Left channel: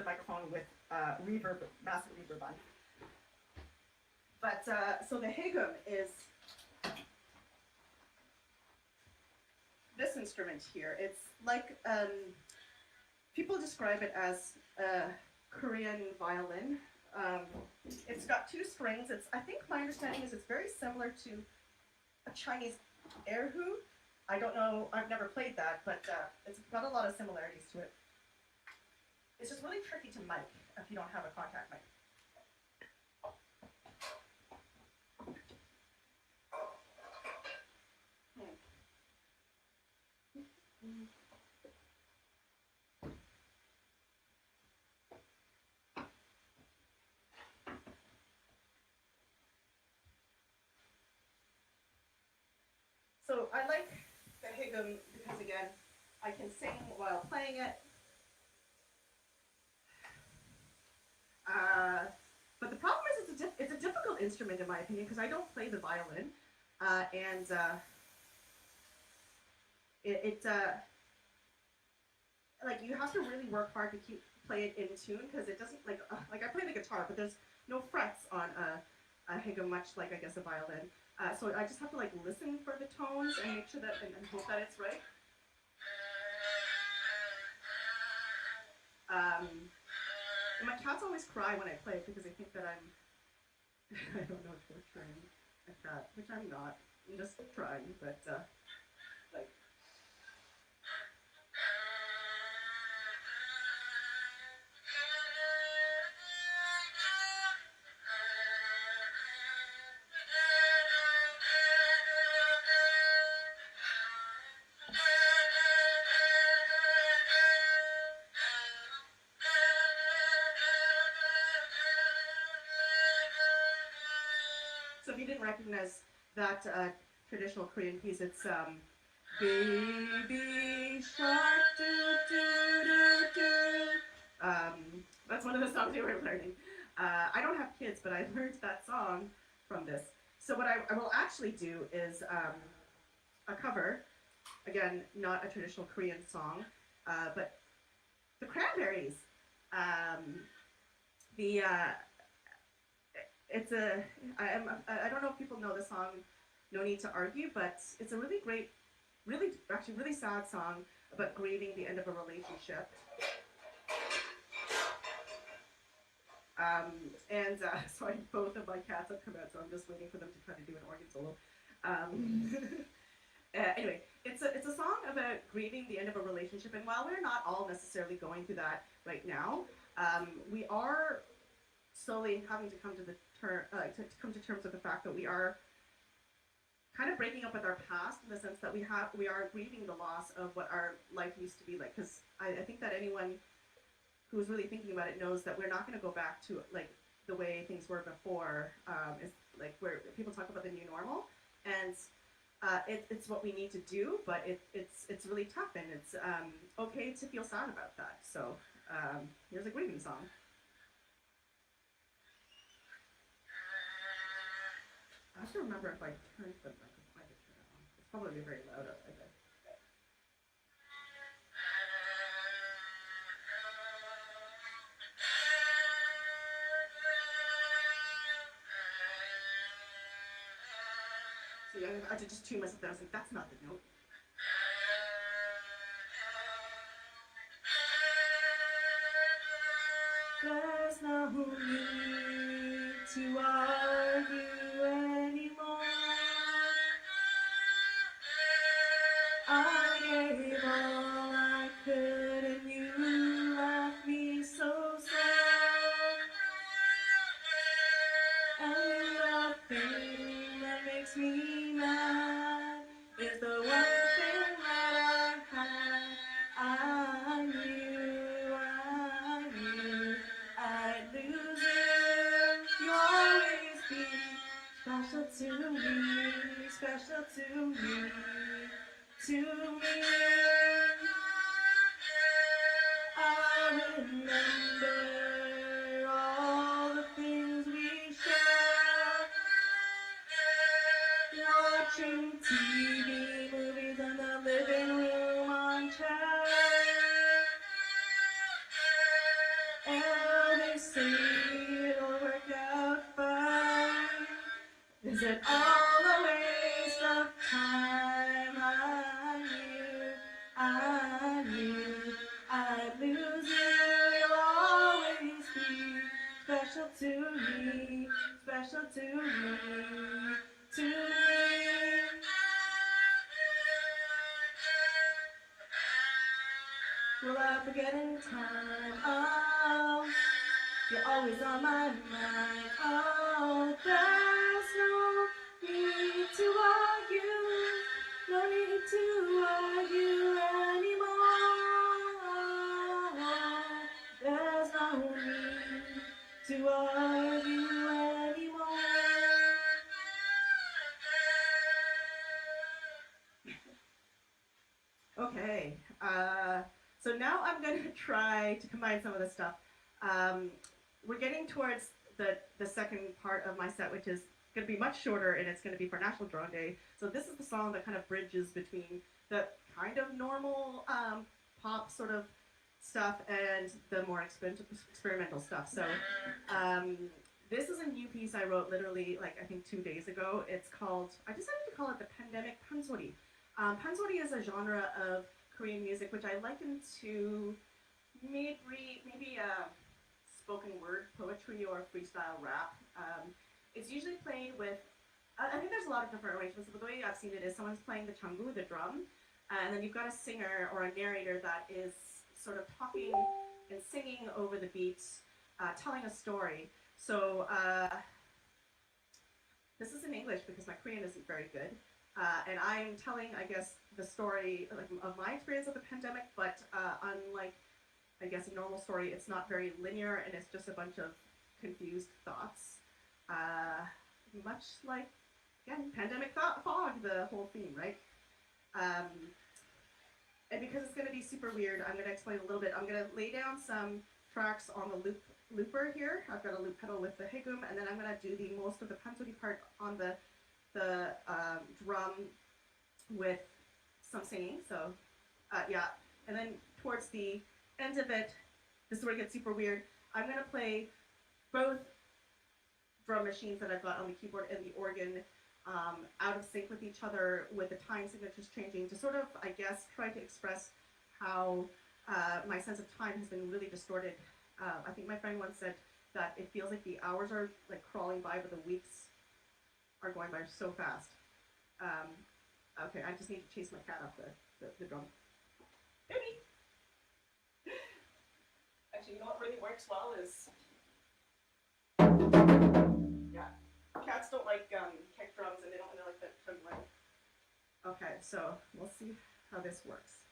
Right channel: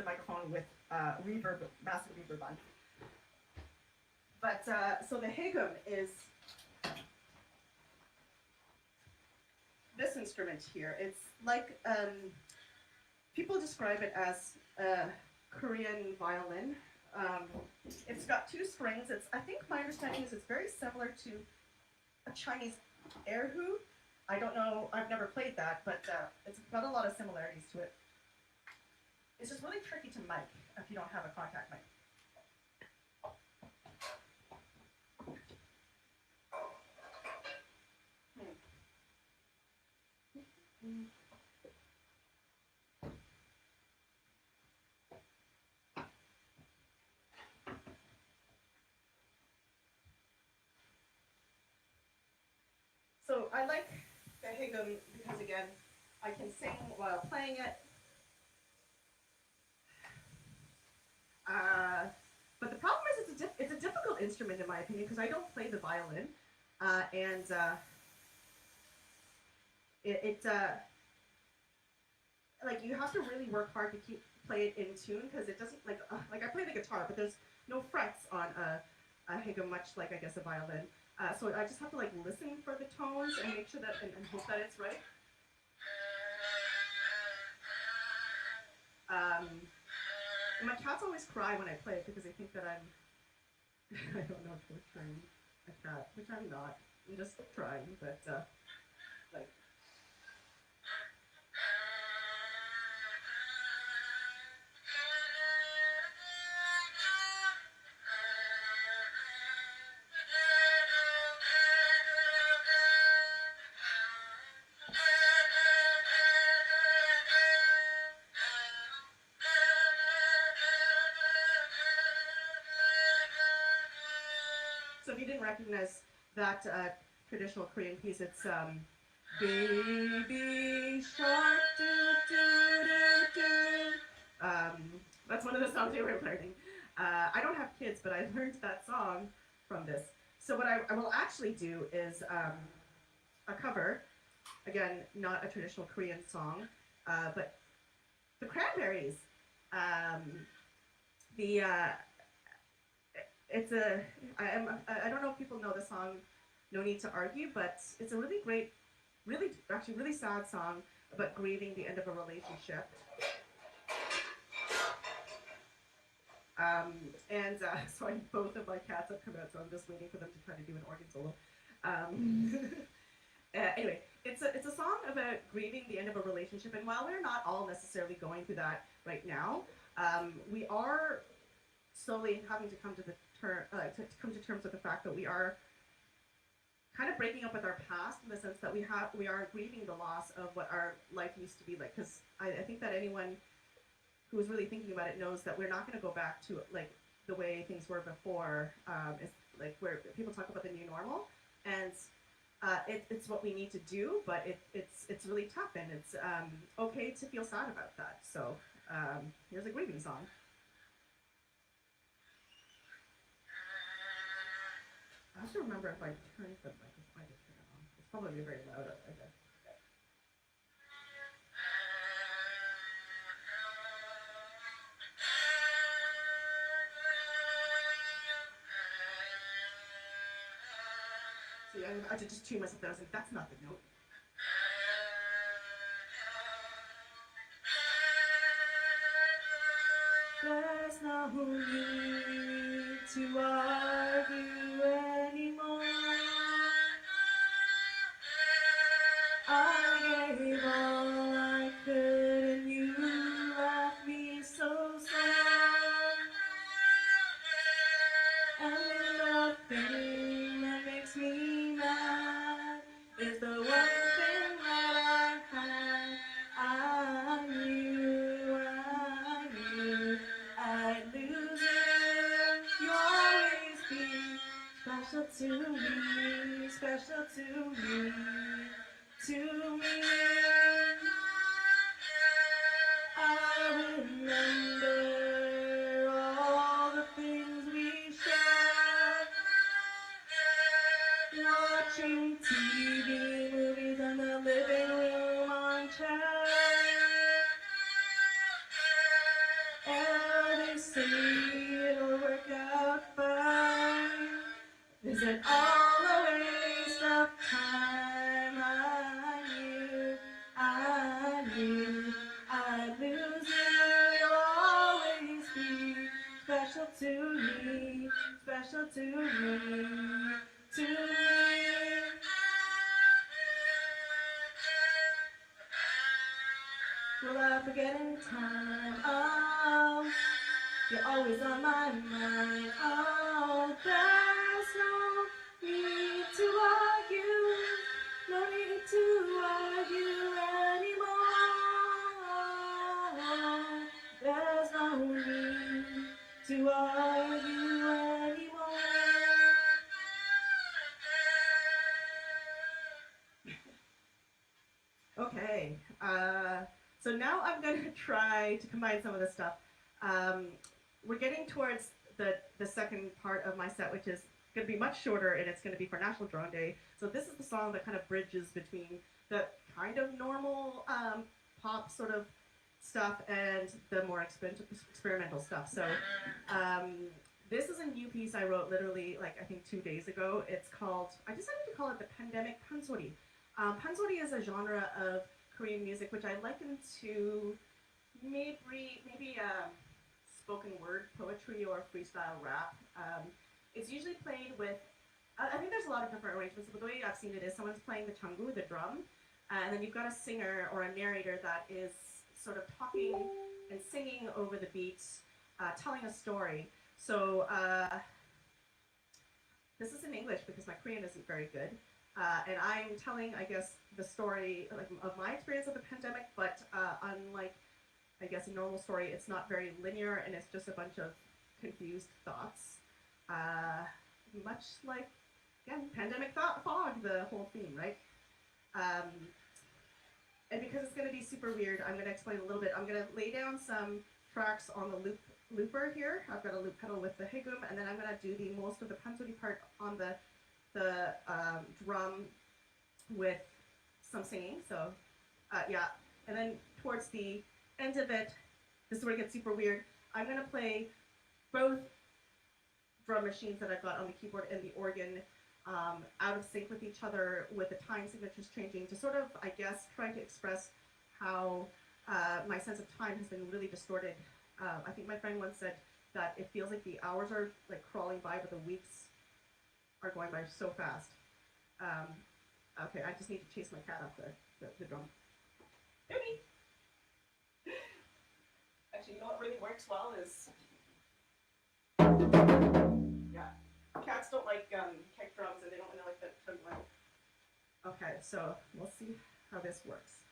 sensitive microphone with reverb, massive reverb on. But so the hegum is this instrument here. It's like people describe it as a Korean violin. It's got two strings. I think my understanding is it's very similar to a Chinese erhu. I don't know. I've never played that, but it's got a lot of similarities to it. It's just really tricky to mic if you don't have a contact mic. So I like the hegum because, again, I can sing while playing it. But the problem is it's a difficult instrument in my opinion because I don't play the violin, and like you have to really work hard to play it in tune because it doesn't like I play the guitar, but there's no frets on a hegum, much like I guess a violin. So I just have to like listen for the tones and make sure that and hope that it's right. And my cats always cry when I play it because they think that I'm I don't know, torturing a cat, which I'm not. I'm just trying, but like. So if you didn't recognize that traditional Korean piece, it's Baby Shark do do do do. That's one of the songs we were learning. I don't have kids, but I learned that song from this. So what I will actually do is a cover, again, not a traditional Korean song, but the Cranberries. It's I don't know if people know the song No Need to Argue, but it's a really great, actually really sad song about grieving the end of a relationship. Sorry, both of my cats have come out, so I'm just waiting for them to try to do an organ solo. Anyway, it's a song about grieving the end of a relationship, and while we're not all necessarily going through that right now, we are slowly having to come to terms with the fact that we are kind of breaking up with our past in the sense that we are grieving the loss of what our life used to be like. Because I think that anyone who's really thinking about it knows that we're not going to go back to like the way things were before. It's like where people talk about the new normal, and it's what we need to do, but it's really tough, and it's okay to feel sad about that. So here's a grieving song. I have to remember if I turned the microphone on. It's probably very loud up like that. See, I had to just tune myself down. I was like, that's not the note. There's no need to argue anymore. I gave all I could and you left me so sad. And the thing that makes me mad is the one thing that I had. I knew I'd lose it. You always say it'll work out fine? Is it all a waste of time? I knew I'd lose you. You'll always be special to me, special to me, to me. Will I forget in time? Oh, you're always on my mind. Oh, there's no need to argue. No need to argue anymore. There's no need to argue anymore. Okay, so now I'm going to try to combine some of this stuff. We're getting towards the second part of my set, which is going to be much shorter, and it's going to be for National Drone Day. So this is the song that kind of bridges between the kind of normal pop sort of stuff and the more experimental stuff. So this is a new piece I wrote literally, like, I think 2 days ago. It's called, I decided to call it the Pandemic Pansori. Pansori is a genre of Korean music which I liken to maybe spoken word poetry or freestyle rap. It's usually played with, I think there's a lot of different arrangements, but the way I've seen it is someone's playing the changu, the drum, and then you've got a singer or a narrator that is sort of talking and singing over the beats, telling a story. So this is in English because my Korean isn't very good. And I'm telling, I guess, the story of my experience of the pandemic, but unlike, I guess, a normal story, it's not very linear, and it's just a bunch of confused thoughts. Much like, again, pandemic fog, the whole theme, right? And because it's going to be super weird, I'm going to explain a little bit. I'm going to lay down some tracks on the looper here. I've got a loop pedal with the higum, and then I'm going to do the most of the pansori part on the drum with some singing. So yeah, and then towards the end of it, this is where it gets super weird. I'm gonna play both drum machines that I've got on the keyboard and the organ out of sync with each other, with the time signatures changing, to sort of, I guess, try to express how my sense of time has been really distorted. I think my friend once said that it feels like the hours are like crawling by, but the weeks are going by so fast. Okay, I just need to chase my cat up the drum. Baby! Actually, you know what really works well is, yeah, cats don't like kick drums, and they don't really like the trembling. Okay, so we'll see how this works.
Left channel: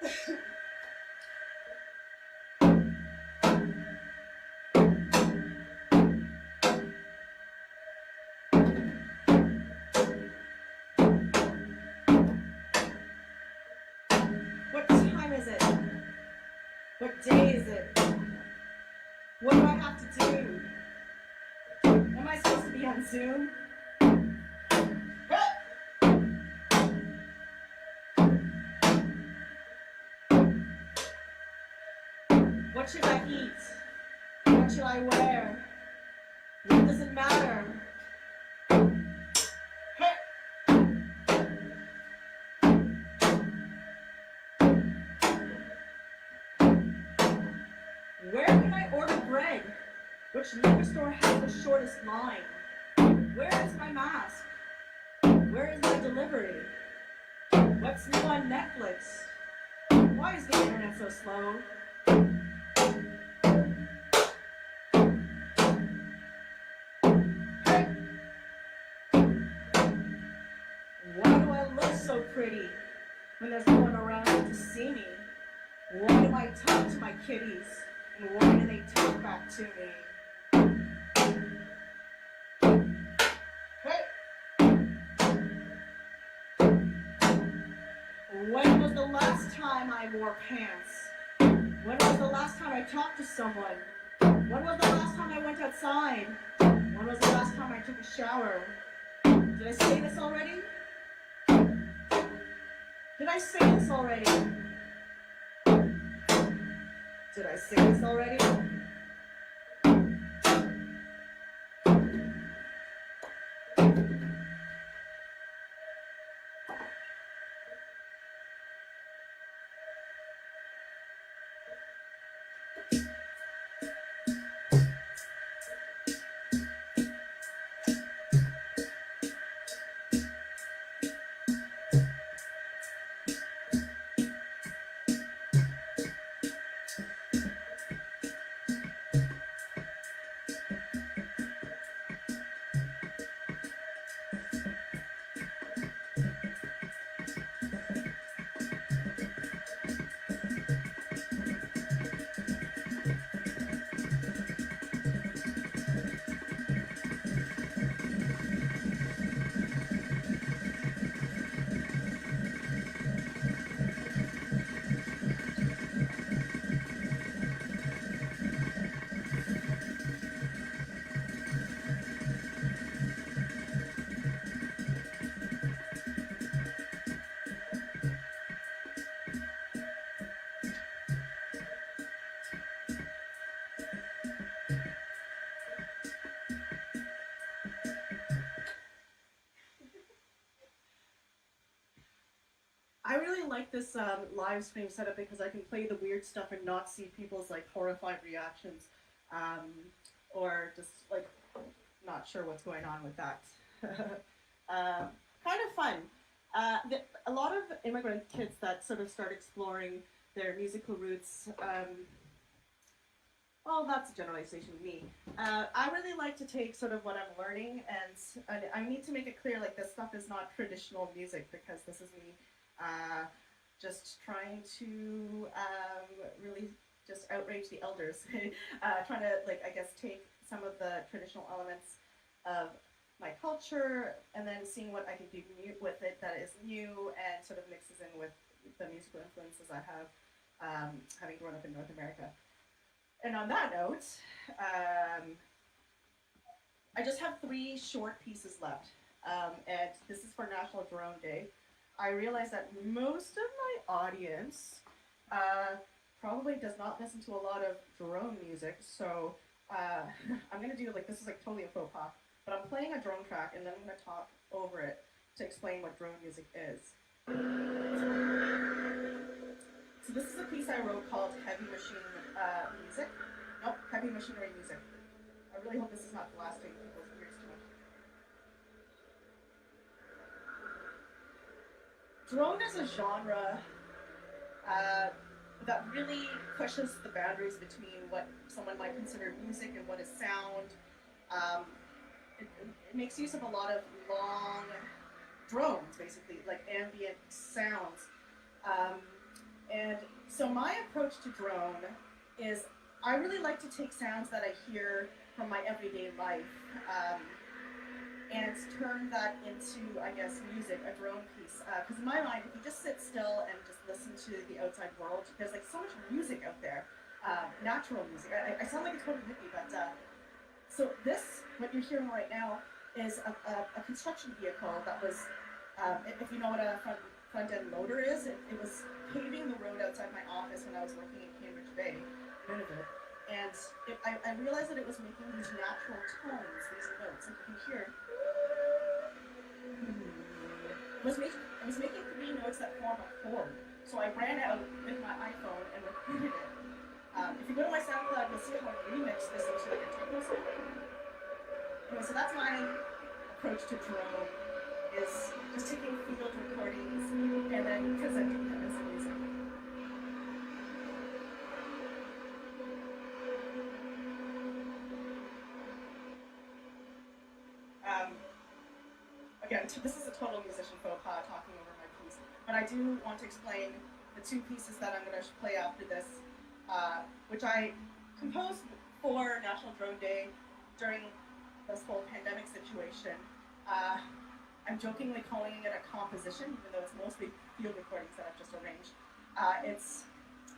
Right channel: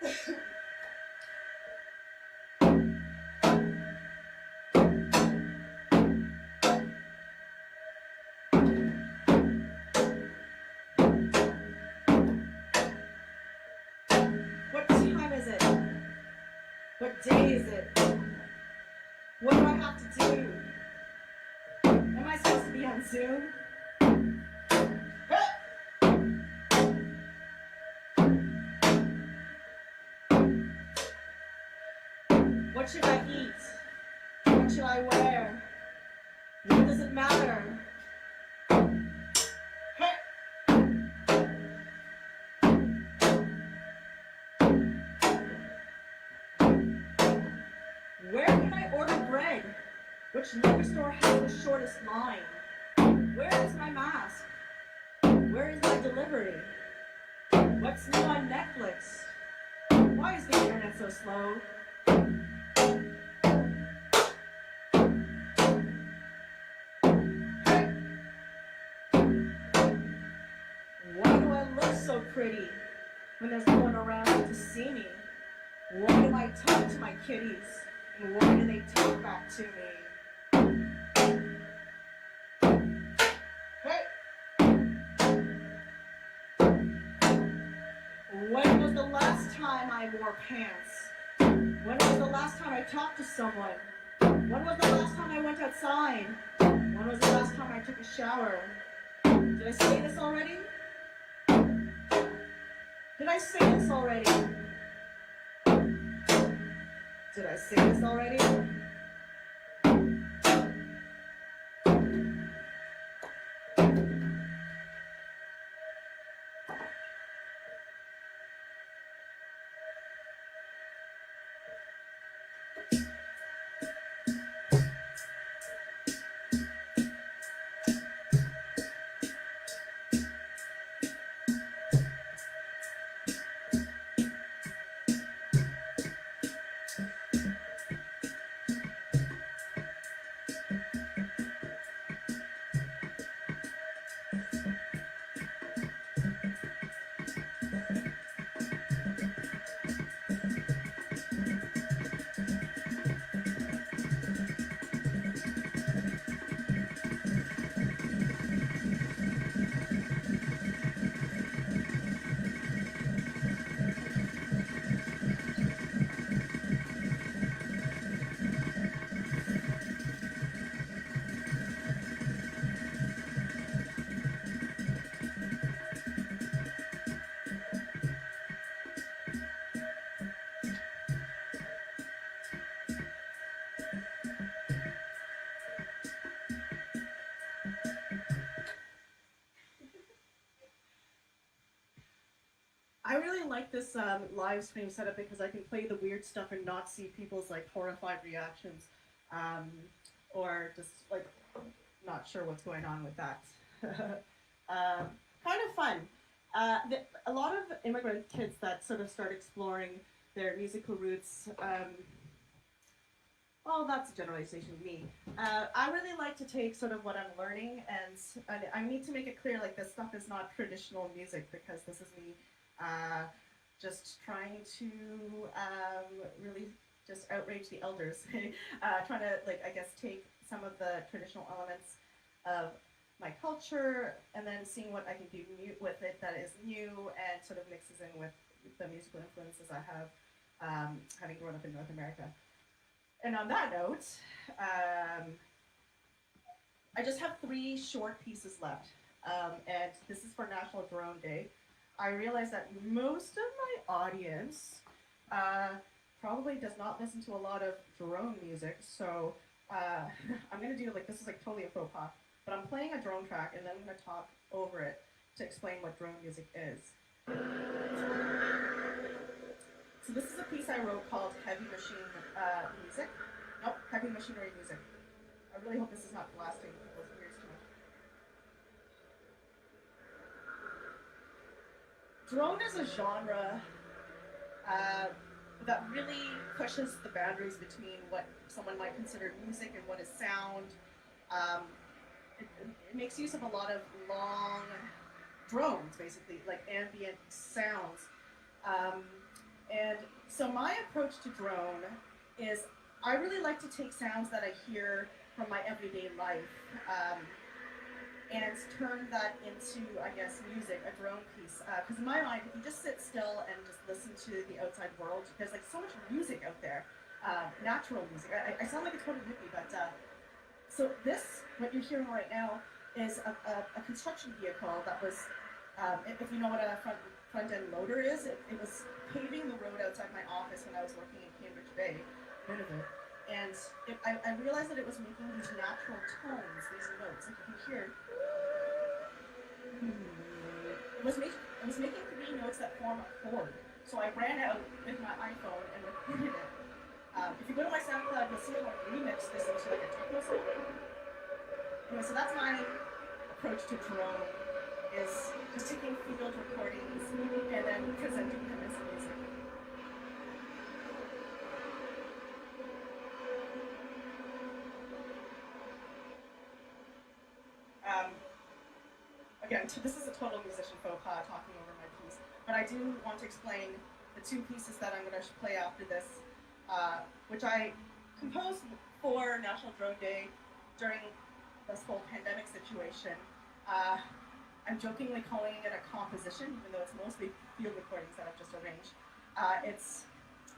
What time is it? What day is it? What do I have to do? Am I supposed to be on Zoom? What should I eat? What should I wear? What does it matter? Where can I order bread? Which liquor store has the shortest line? Where is my mask? Where is my delivery? What's new on Netflix? Why is the internet so slow? Why do I look so pretty when there's no one around to see me? Why do I talk to my kitties? And why do they talk back to me? When was the last time I wore pants? When was the last time I talked to someone? When was the last time I went outside? When was the last time I took a shower? Did I say this already? Did I say this already? Did I say this already? I really like this live stream setup because I can play the weird stuff and not see people's like horrified reactions, or just like not sure what's going on with that. Kind of fun. A lot of immigrant kids that sort of start exploring their musical roots. Well, that's a generalization of me. I really like to take sort of what I'm learning, and I need to make it clear like this stuff is not traditional music because this is me just trying to really just outrage the elders, trying to like I guess take some of the traditional elements of my culture and then seeing what I can do with it that is new and sort of mixes in with the musical influences I have, having grown up in North America. And on that note, I just have 3 short pieces left, and this is for National Drone Day. I realize that most of my audience probably does not listen to a lot of drone music, so I'm going to do like, this is like totally a faux pas, but I'm playing a drone track and then I'm going to talk over it to explain what drone music is. So this is a piece I wrote called Heavy Machine Music. Nope, Heavy Machinery Music. I really hope this is not blasting people's ears too much. Drone is a genre that really pushes the boundaries between what someone might consider music and what is sound. It makes use of a lot of long drones, basically, like ambient sounds. And so my approach to drone is I really like to take sounds that I hear from my everyday life and turn that into, I guess, music, a drone piece. Because in my mind, if you just sit still and just listen to the outside world, there's like so much music out there, natural music. I sound like a total hippie, but so this, what you're hearing right now, is a construction vehicle that was, if you know what a front end loader is, it was paving the road outside my office when I was working in Cambridge Bay, Nunavut. And I realized that it was making these natural tones, these notes, like you can hear. It was making three notes that form a chord. So I ran out with my iPhone and recorded it. If you go to my SoundCloud, you'll see I want to remix this into like a techno song. Anyway, so that's my approach to drone, is just taking field recordings and then presenting them as music. Again, this is a total musician faux pas talking over my piece, but I do want to explain the two pieces that I'm going to play after this, which I composed for National Drone Day during this whole pandemic situation. I'm jokingly calling it a composition, even though it's mostly field recordings that I've just arranged. I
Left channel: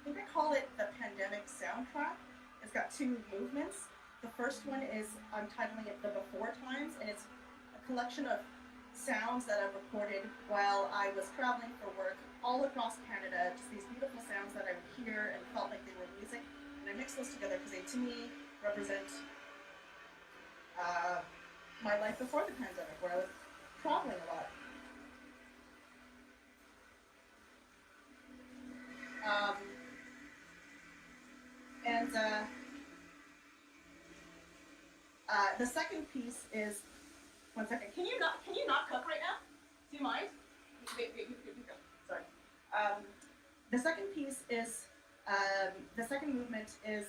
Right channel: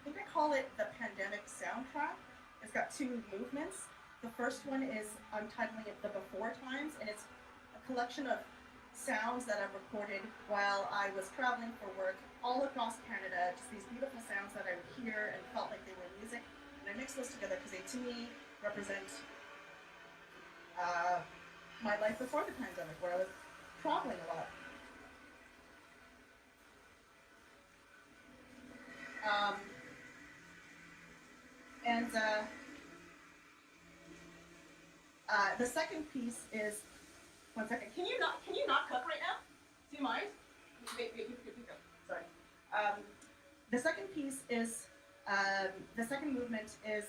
think I call it the pandemic soundtrack. It's got two movements. The first one is, I'm titling it the before times, and it's a collection of sounds that I've recorded while I was traveling for work all across Canada, just these beautiful sounds that I would hear and felt like they were music. And I mixed those together because they, to me, represent my life before the pandemic, where I was traveling a lot. The second piece is, one second. Can you not cook right now? Do you mind? Sorry. The second piece is, the second movement is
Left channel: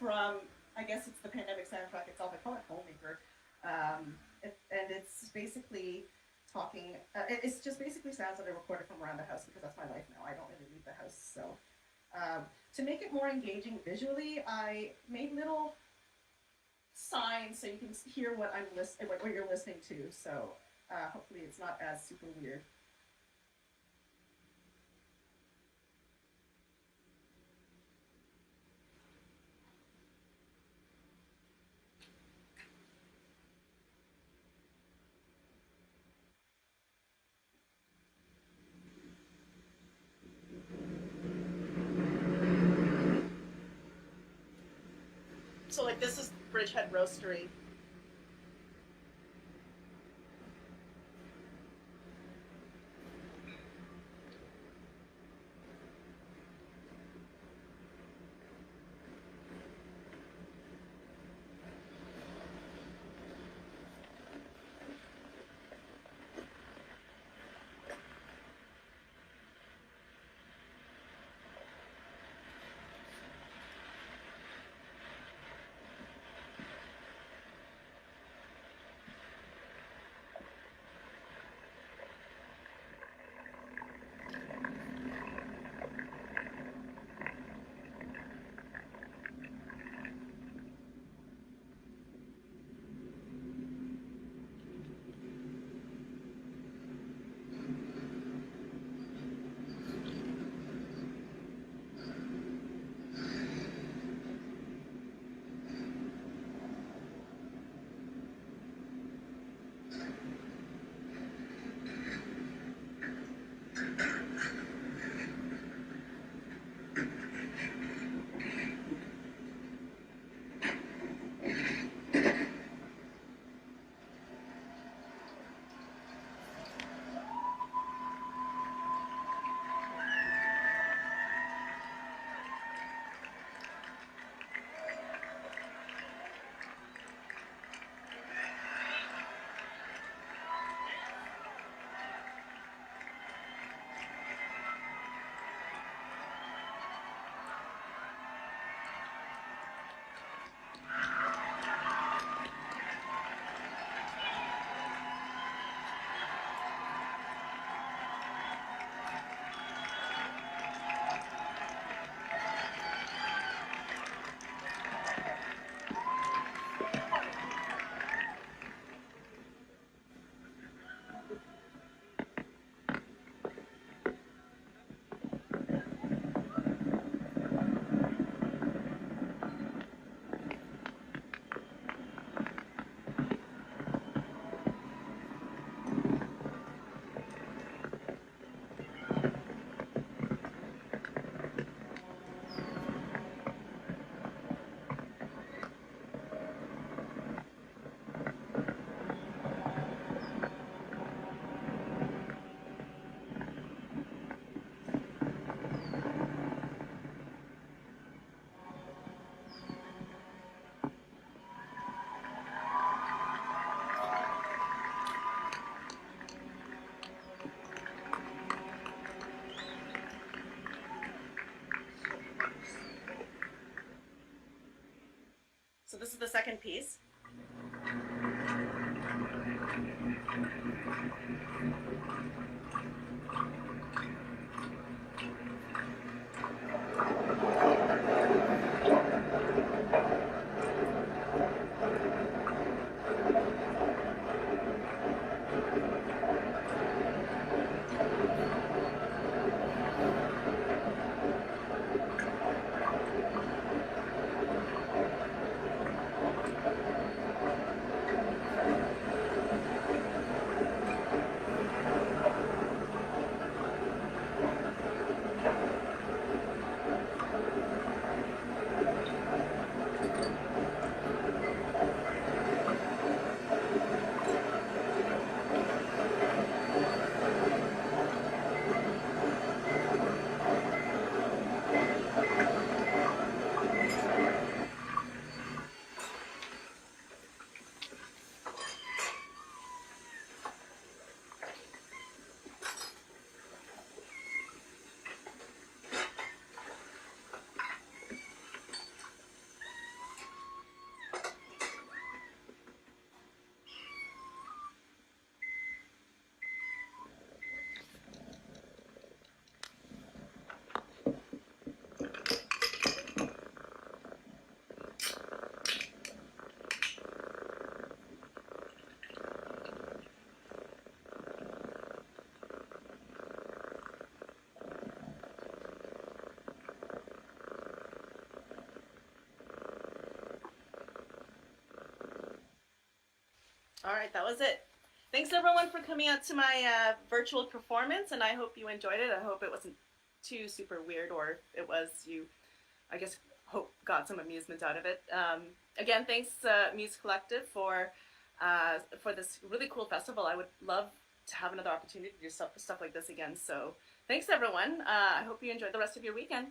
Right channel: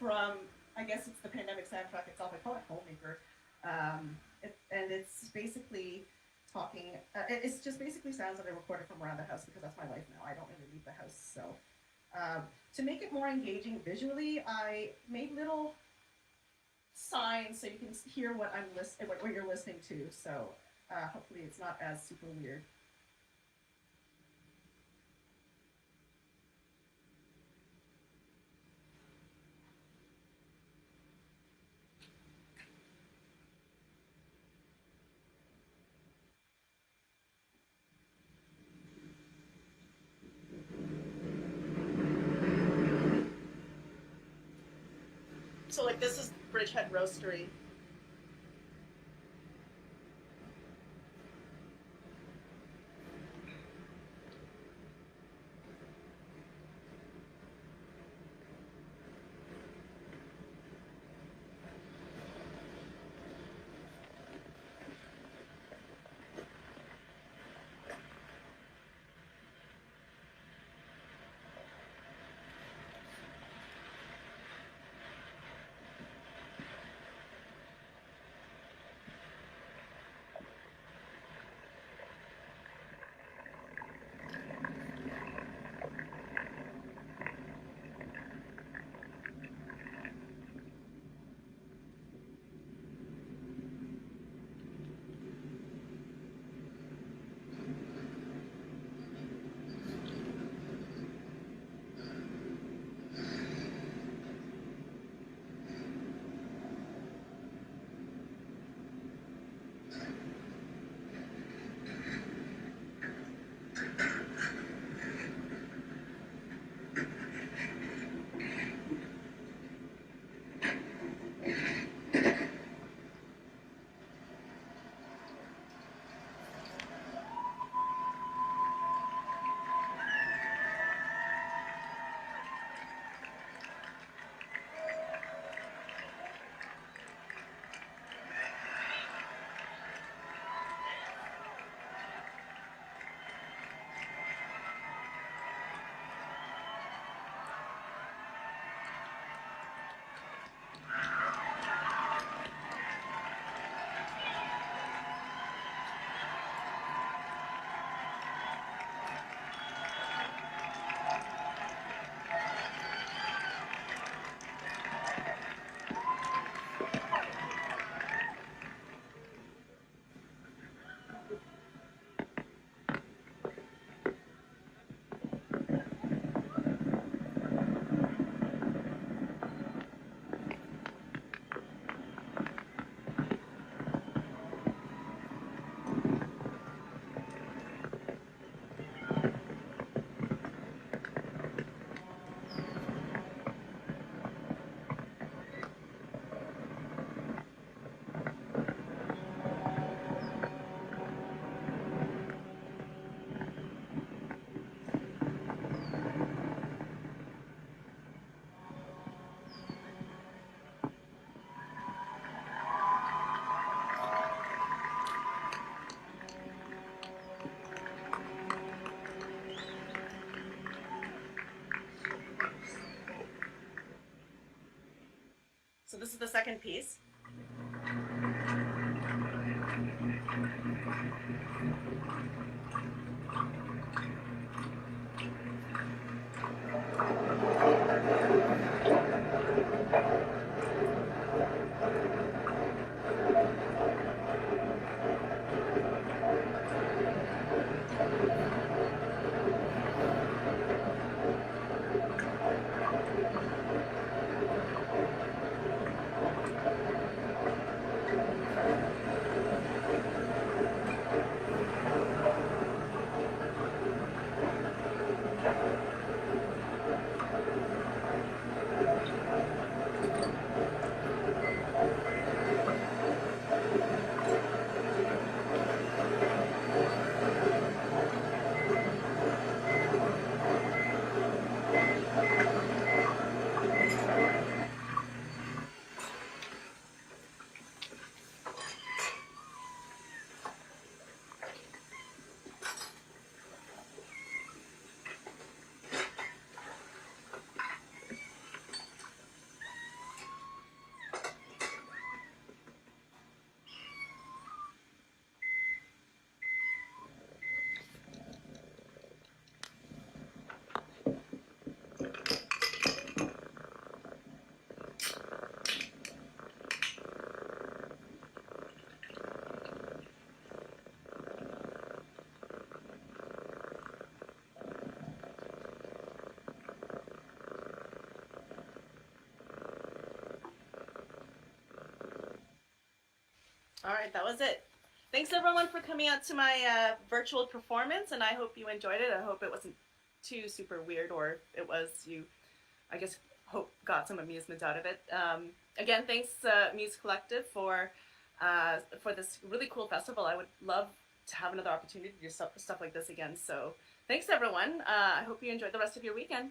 from, I guess it's the pandemic soundtrack itself. I call it Homemaker. And it's basically talking, it's just basically sounds that I recorded from around the house because that's my life now. I don't really leave the house. So to make it more engaging visually, I made little signs so you can hear what what you're listening to. So hopefully it's not as super weird. So like this is Bridgehead Roastery. So this is the second piece. All right, that was it. Thanks everyone for coming out to my virtual performance, and I hope you enjoyed it. I hope it wasn't too super weird, or it was, you, I guess, hope got some amusement out of it. Again, thanks Muse Collective for this really cool festival. I would love to have another opportunity to do stuff like this again. So thanks everyone. I hope you enjoyed the rest of your weekend.